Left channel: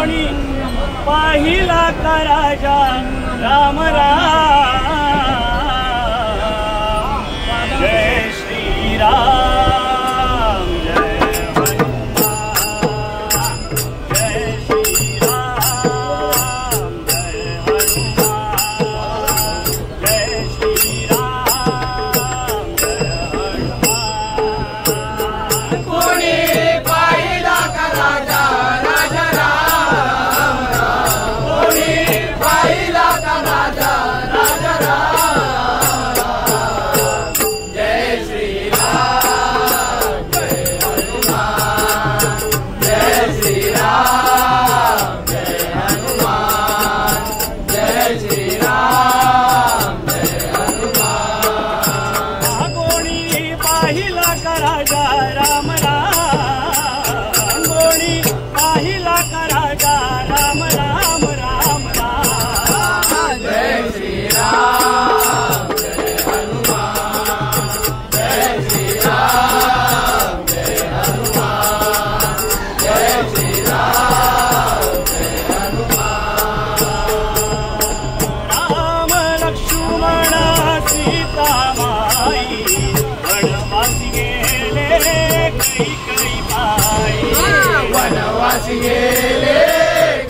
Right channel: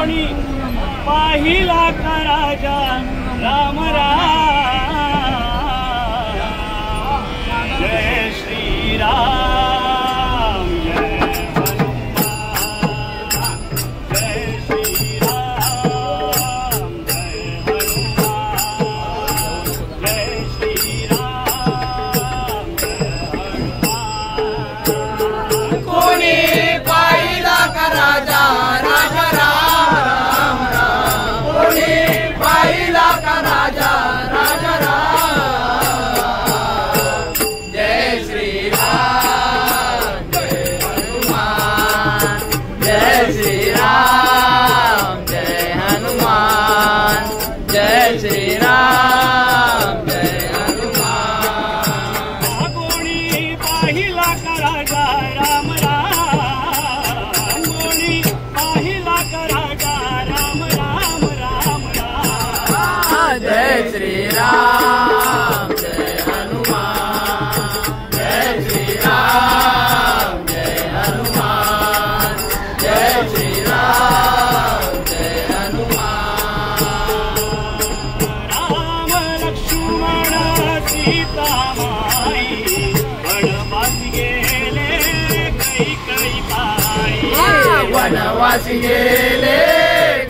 कोणी पाहिला का राजा राम राम जय श्री राम जय हनुमान जय श्री राम जय हनुमान जय श्री राम जय हनुमान कोणी पाहिला का राजा राजा राम राम कोणी पाहिला का राजा राजा राम जय श्री राम जय हनुमान जय श्री राम जय हनुमान जय श्री राम जय हनुमान कोणी पाहिला का राजा राम राम कोणी पाहिला का राजा राम राम राम राम जय श्री राम जय हनुमान जय श्री राम जय हनुमान जय श्री राम जय हनुमान राम लक्ष्मण सीता माई वनवासी गेले कैकई बाई वनवासी गेले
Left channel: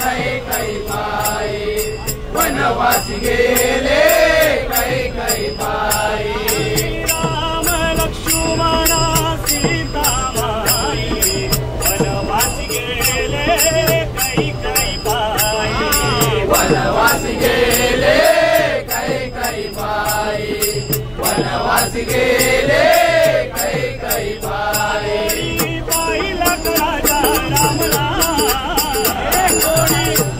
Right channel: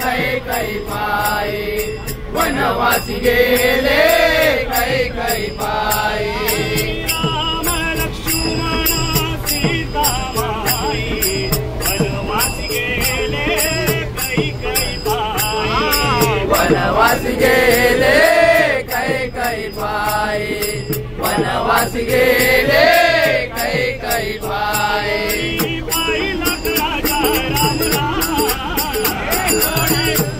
कैकई बाई वनवासी गेले कैकई बाई राम लक्ष्मण सीता माई वनवासी गेले कैकई बाई वनवासी गेले कैकई बाई वनवासी गेले कैकई बाई पाहिला का राजा राम राम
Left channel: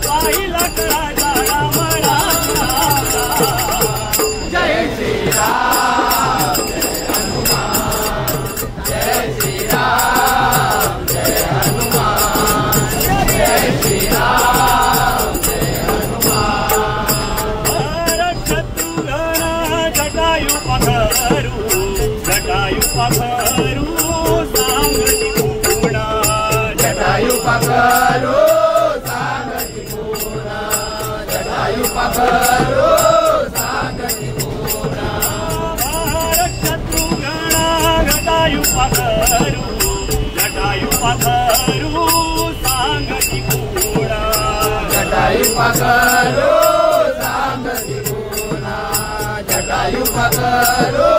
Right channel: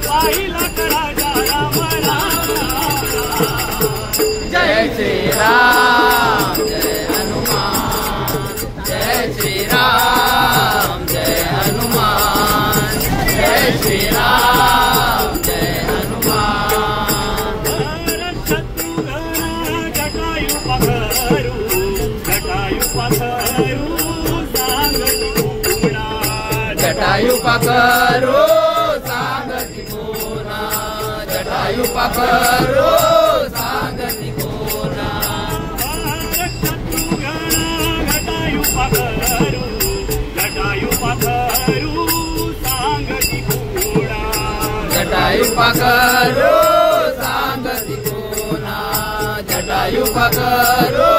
पाहिला का राजा राम राम जय श्री राम जय हनुमान जय श्री राम जय हनुमान जय श्री राम जय हनुमान शत्रुघ्न जटायु पखरू सांगती गुणा जटायु पकरो सांगती पूर्णा जटायु पकरो सांगती पूर्णा शत्रुघ्न जटायु पखरू सांगती गुणा जटायु पकरो सांगती पूर्णा जटायु पकरो